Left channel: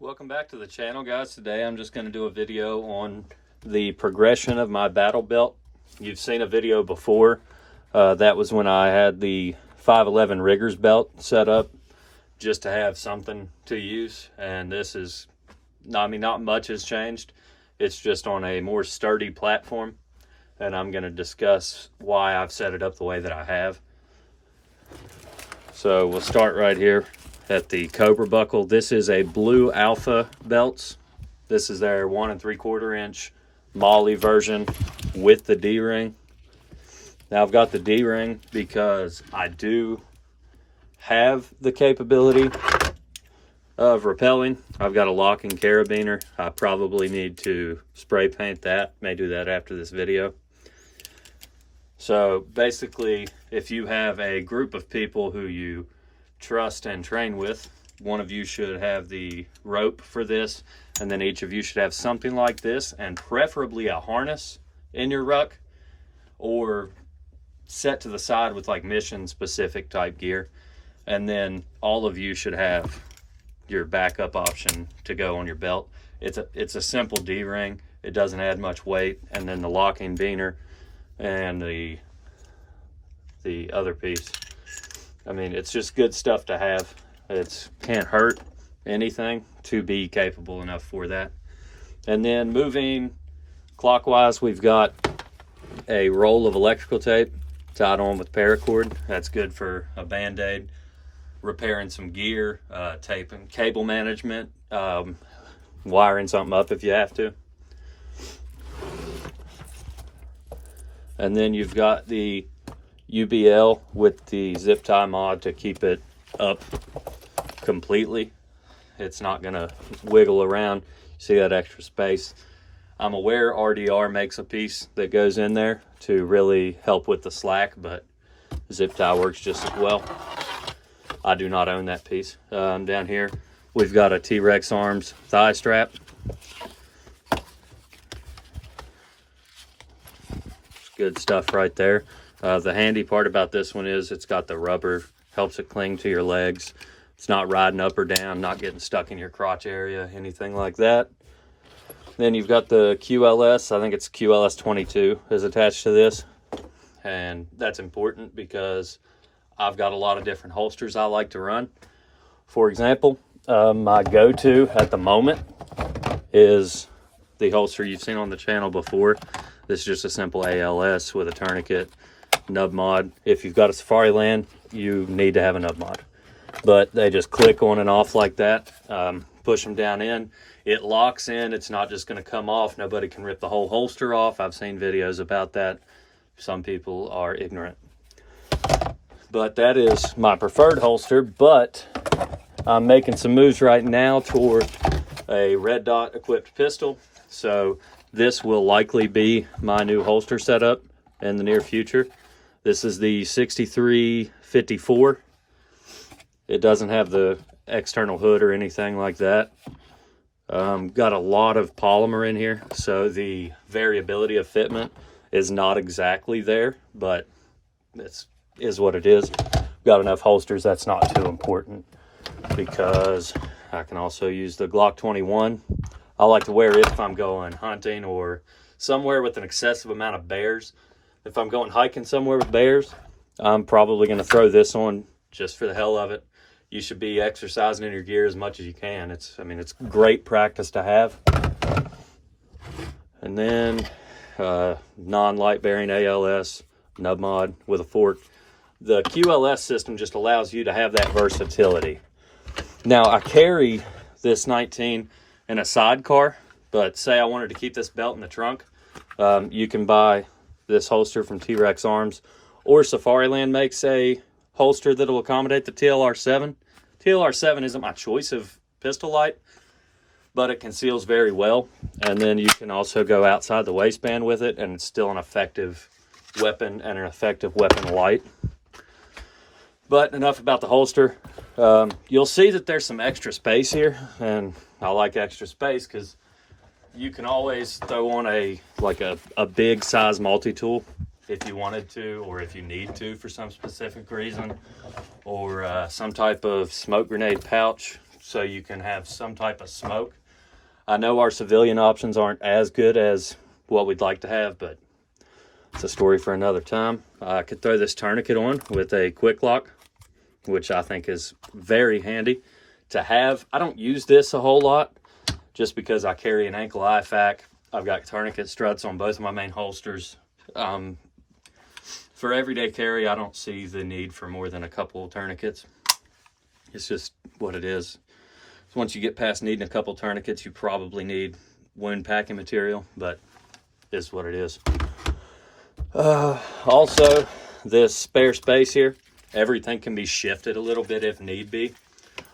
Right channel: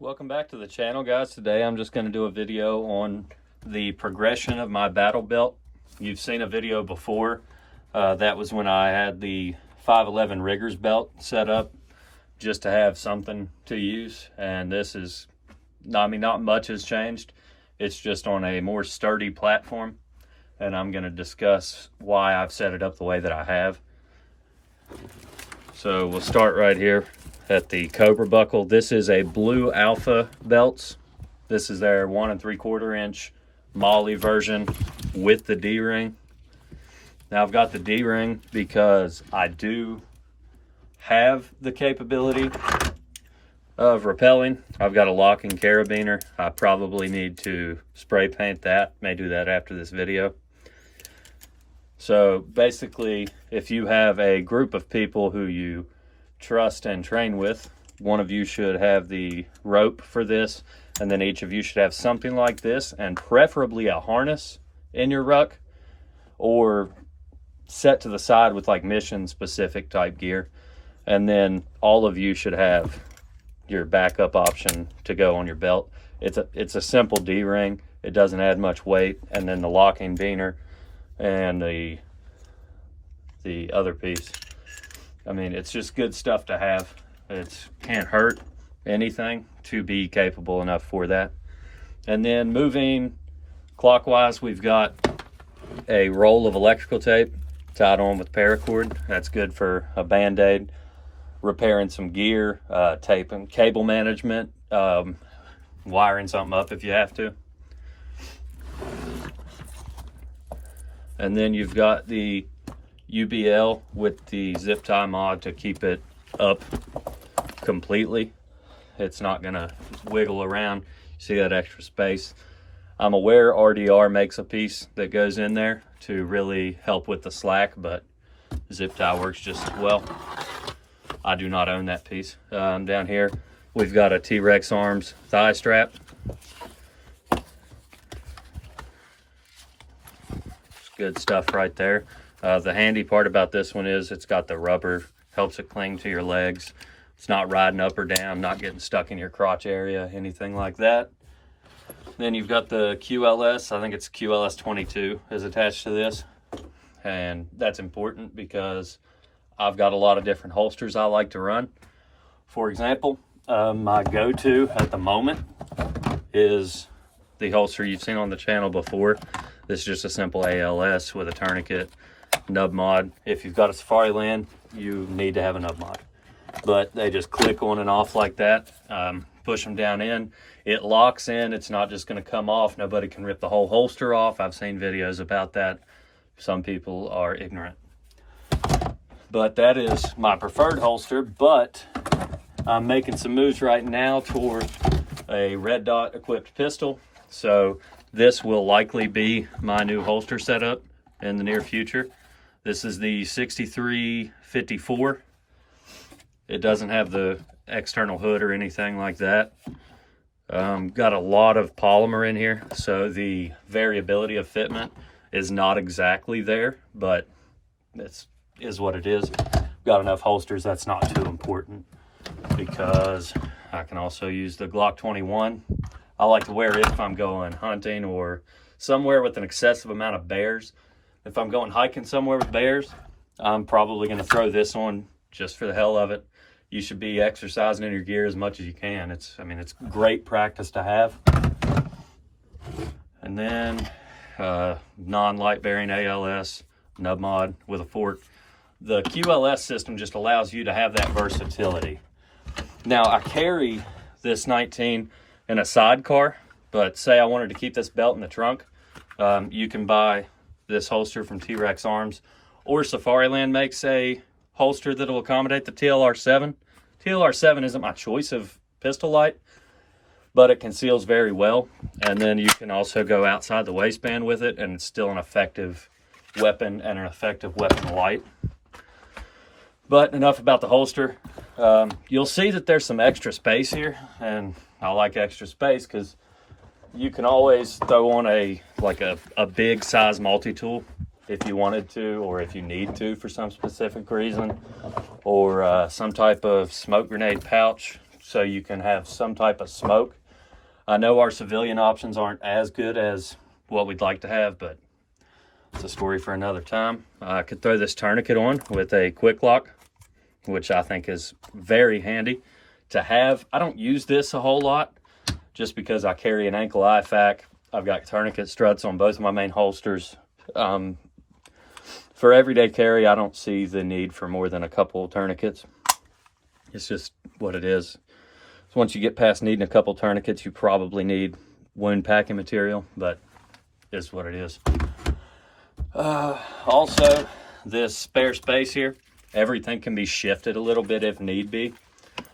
Welcome back to the channel, guys. Today I'm just going to do a video on the progression of my battle belt. You've seen a video before. That was when I had the 511 riggers belt set up just to have something to use, and this is, not much has changed. It's just on a more sturdy platform, and I'm going to discuss why I've set it up the way that I have. So we'll start right here at the Cobra buckle. This is a Blue Alpha belts. This is their 1 3/4 inch Molly version with the D-ring. Now I've got the D-ring because I do have the capability of rappelling. I've got a locking carabiner. I probably need to spray paint that. May do that after this video. So basically, if you have a group of people who you trust and train with, one of you should have the rope for this, and then each of you should have something like this, and preferably a harness in your ruck, or set to the side with like mission specific type gear. And then all of you should have your backup option to go on your belt. It's a simple D-ring. It doesn't add much weight. And then the locking biner and the other piece. I mean, it's just good stuff to have. It can't hurt anything to be capable enough for that. And then moving clockwise, we've got a roll of electrical tape tied on with paracord. That's good for a band-aid, repairing some gear, taping, cable management, wiring something up if you have to. And then you've got the UBL with the zip tie mod to keep it up completely. It's not gonna wiggle around. See that extra space? I'm aware RDR makes a piece that goes in there to really help with the slack, but zip tie works just as well. I do not own that piece. Down here, we've got a T-Rex Arms thigh strap. It's good stuff right there. The handy part about this one is it's got the rubber, helps it cling to your legs. It's not riding up or down, not getting stuck in your crotch area, anything like that. Then you've got the QLS, I think it's QLS 22 is attached to this. And that's important because I've got a lot of different holsters I like to run. For example, my go-to at the moment is the holster you've seen on the channel before. This is just a simple ALS with a tourniquet, nub mod. If you've got a Safariland, you need to have a nub mod. But they just click on and off like that. Push them down in. It locks in. It's not just going to come off. Nobody can rip the whole holster off. I've seen videos about that. Some people are ignorant. But that is my preferred holster. But I'm making some moves right now toward a red dot equipped pistol. So this will likely be my new holster setup in the near future. This is the 6354. It doesn't have the external hood or anything like that. Got a lot of polymer in here, so the variability of fitment is not exactly there, but this is what it is. Got enough holsters, that's not too important, because I can also use the Glock 21. I like to wear it if I'm going hunting or somewhere with an excessive amount of bears. If I'm going hiking somewhere with bears, I'm probably going to throw this on just for the hell of it. You should be exercising in your gear as much as you can. It's great practice to have. And then non-light bearing ALS nub mod with a fork. The QLS system just allows you to have that versatility. Now I carry this 19 in a sidecar, but say I wanted to keep this belt in the trunk, you can buy this holster from T-Rex Arms, or Safariland makes a holster that will accommodate the TLR7. TLR7 isn't my choice of pistol light, but it conceals very well. And then you can also go outside the waistband with it, and it's still an effective weapon and an effective weapon light. But enough about the holster. You'll see that there's some extra space here, and I like extra space because you can always throw on a big size multi-tool if you wanted to, or if you need to for some specific reason, or some type of smoke grenade pouch. so you can have some type of smoke. I know our civilian options aren't as good as what we'd like to have, but it's a story for another time. I could throw this tourniquet on with a quick lock, which I think is very handy to have. I don't use this a whole lot just because I carry an ankle IFAK. I've got tourniquet struts on both of my main holsters. For everyday carry, I don't see the need for more than a couple of tourniquets. It's just what it is. So once you get past needing a couple tourniquets, you probably need wound packing material, but it's what it is. Also, this spare space here, everything can be shifted a little bit if need be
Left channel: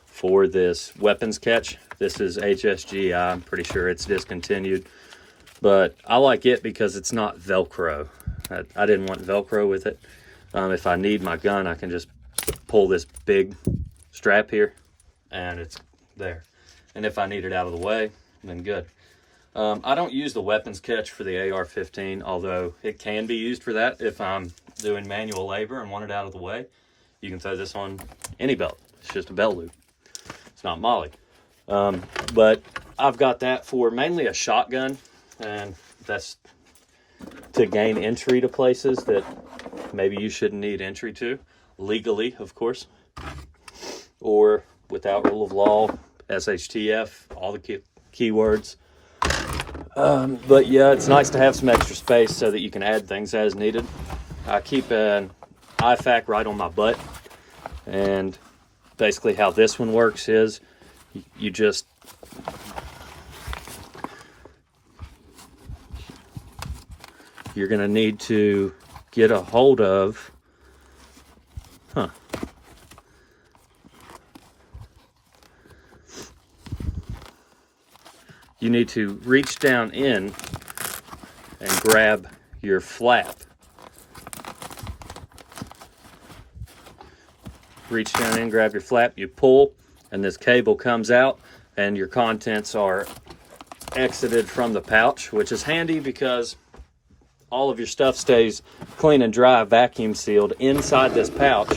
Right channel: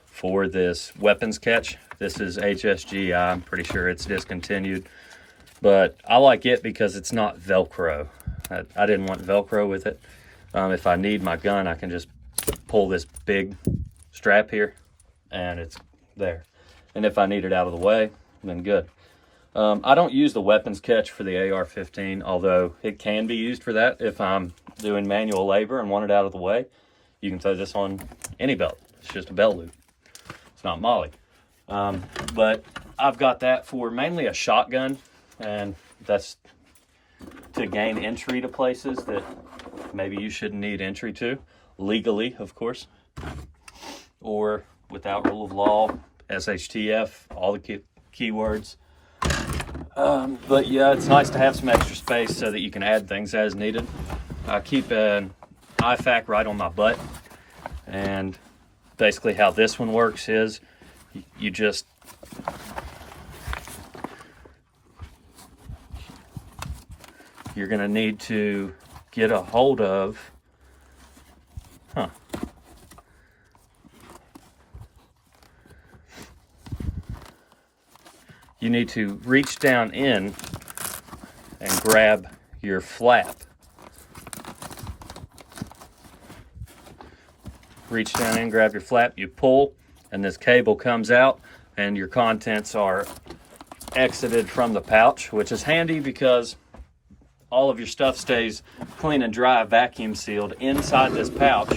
for this weapons catch. This is HSG. I'm pretty sure it's discontinued, but I like it because it's not Velcro. I didn't want Velcro with it. If I need my gun, I can just pull this big strap here and it's there. And if I need it out of the way, then good. I don't use the weapons catch for the AR-15, although it can be used for that if I'm doing manual labor and want it out of the way. You can throw this on any belt. It's just a belt loop. It's not molly. But I've got that for mainly a shotgun, and that's to gain entry to places that maybe you shouldn't need entry to, legally, of course, or without rule of law, SHTF, all the keywords. But yeah, it's nice to have some extra space so that you can add things as needed. I keep an IFAK right on my butt, and basically how this one works is you just you're going to need to get a hold of you need to reach down in and grab your flap. Reach down in, grab your flap, you pull, and this cable comes out, and your contents are exited from the pouch, which is handy because all of your stuff stays clean and dry, vacuum sealed inside this pouch.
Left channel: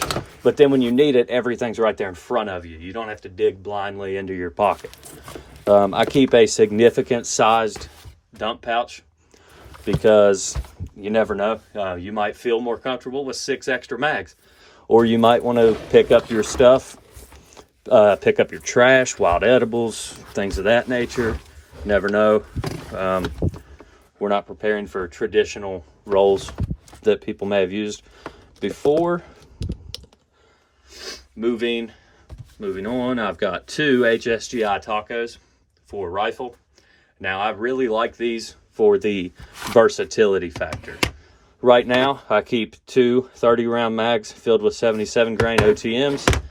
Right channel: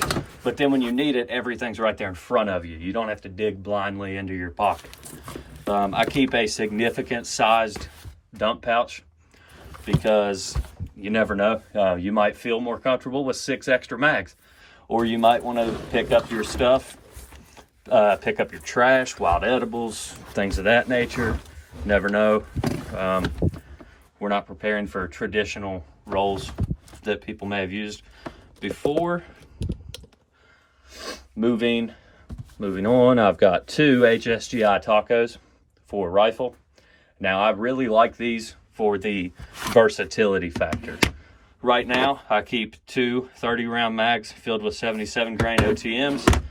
But then when you need it, everything's right there in front of you. You don't have to dig blindly into your pocket. I keep a significant sized dump pouch because you never know. You might feel more comfortable with 6 extra mags, or you might want to pick up your stuff, pick up your trash, wild edibles, things of that nature. Never know. We're not preparing for traditional roles that people may have used before. Moving on, I've got 2 HSGI tacos for rifle. Now, I really like these for the versatility factor. Right now, I keep 2 30-round mags filled with 77 grain OTMs.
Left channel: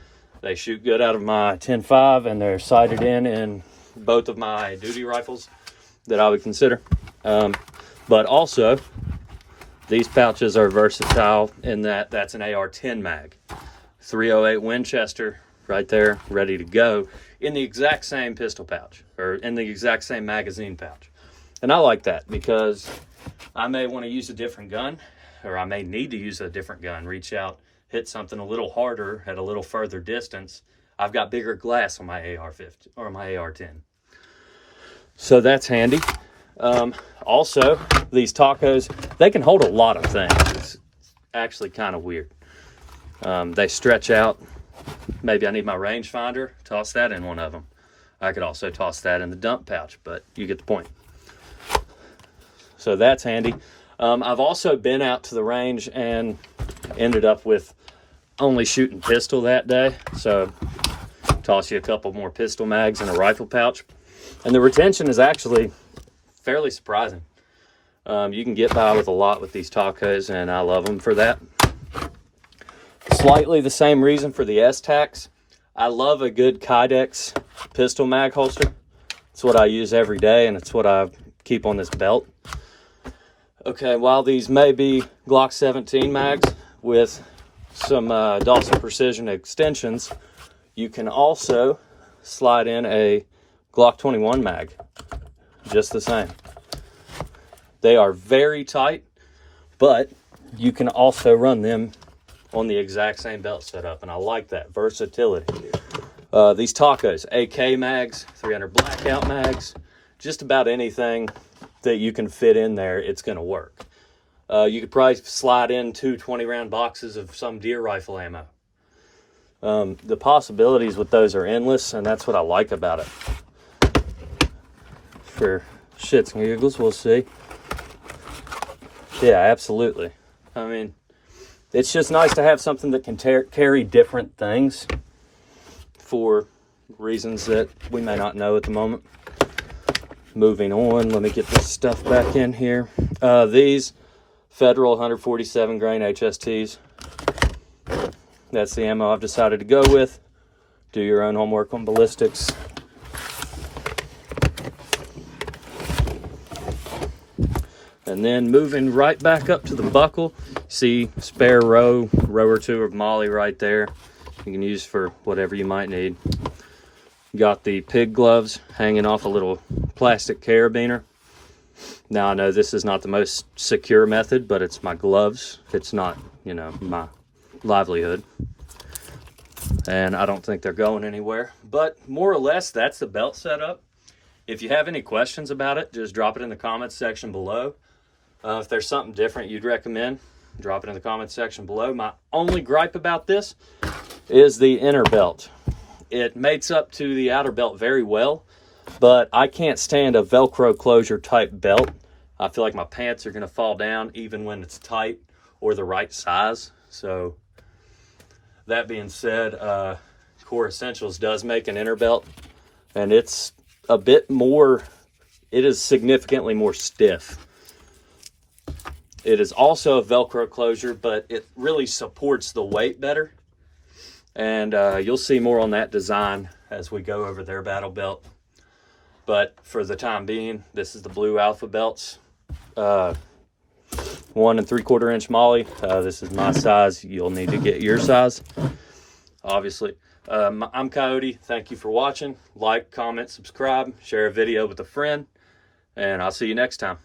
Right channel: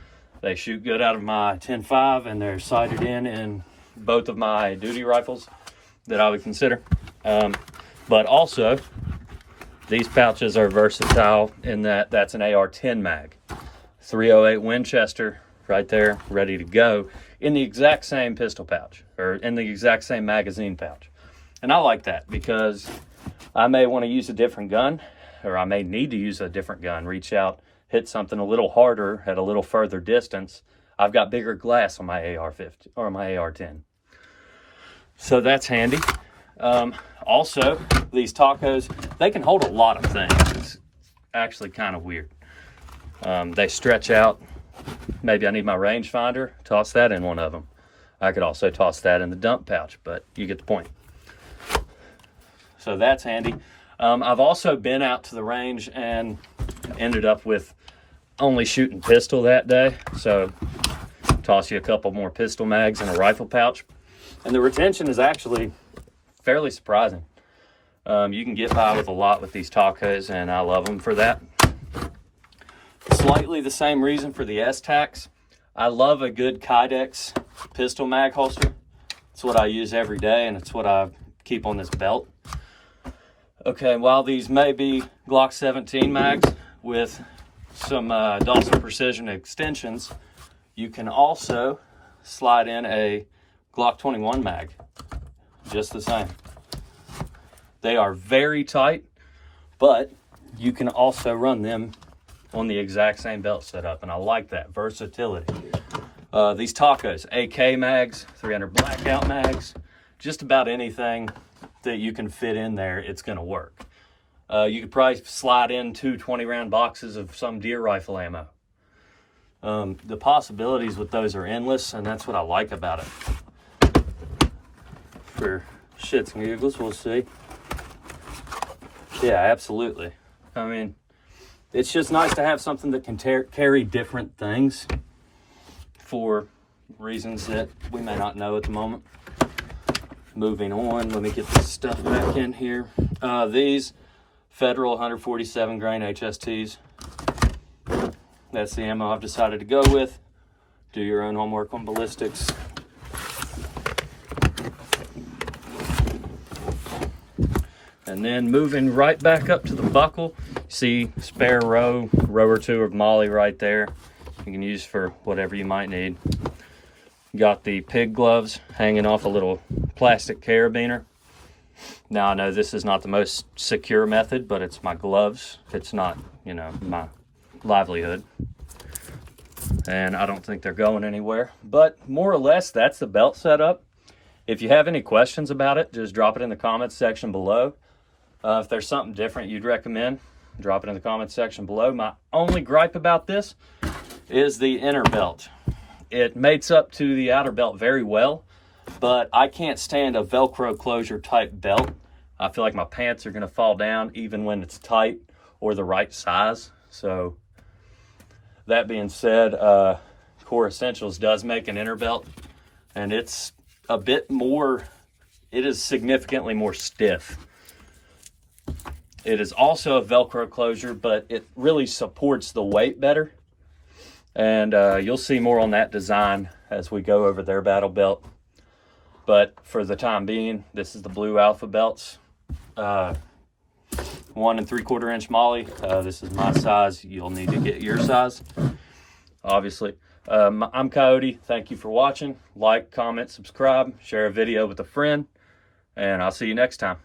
They shoot good out of my 10.5, and they're sighted in both of my duty rifles that I would consider. But also, these pouches are versatile in that that's an AR-10 mag. 308 Winchester right there, ready to go in the exact same pistol pouch, or in the exact same magazine pouch. And I like that because I may want to use a different gun, or I may need to use a different gun, reach out, hit something a little harder at a little further distance. I've got bigger glass on my AR-15 or my AR-10. So that's handy. Also, these tacos, they can hold a lot of things. It's actually kind of weird. They stretch out. Maybe I need my rangefinder, toss that in one of them. I could also toss that in the dump pouch, but you get the point. So that's handy. I've also been out to the range and ended up with only shooting pistol that day. So toss you a couple more pistol mags in a rifle pouch. And the retention is actually fairly surprising. You can get by with a lot with these tacos, and I love them for that. Slightly the same reason for the S-Tacs. I love a good Kydex pistol mag holster. It's what I use every day, and it's what I keep on this belt. Okay, while these may be Glock 17 mags with some Dawson Precision extensions, you can also slide in a Glock 21 mag, just the same. They are very tight, but you can also run them on the exact same belt setup, and I like that versatility. These tacos, AK mags, 300 blackout mags, just about anything that you can fit in there, it's going to work. You could probably slide in 2 20-round boxes of some deer rifle ammo. The possibilities with those are endless, and that's what I like about it. For shits and giggles, we'll see. Yeah, absolutely. I mean, it's just nice to have something that can carry different things for reasons that we may not know at the moment. Moving on, let me get this stuff back in here. These Federal 147 grain HSTs. That's the ammo I've decided to go with. Do your own homework on ballistics. And then moving right back up to the buckle, see spare row or two of Molly right there. You can use for whatever you might need. Got the pig gloves hanging off a little plastic carabiner. Now I know this is not the most secure method, but it's my gloves. It's not, you know, my livelihood. And I don't think they're going anywhere. But more or less, that's the belt setup. If you have any questions about it, just drop it in the comments section below. If there's something different you'd recommend, drop it in the comments section below. My only gripe about this is the inner belt. It mates up to the outer belt very well, but I can't stand a Velcro closure type belt. I feel like my pants are gonna fall down even when it's tight or the right size. So that being said, Core Essentials does make an inner belt, and it's a bit more, it is significantly more stiff. It is also a Velcro closure, but it really supports the weight better. And you'll see more on that design as we go over their battle belt. But for the time being, this is the blue Alpha belts. 1 3/4 inch Molly. This is my size. You'll need to get your size, obviously. I'm Coyote. Thank you for watching. Like, comment, subscribe, share a video with a friend, and I'll see you next time.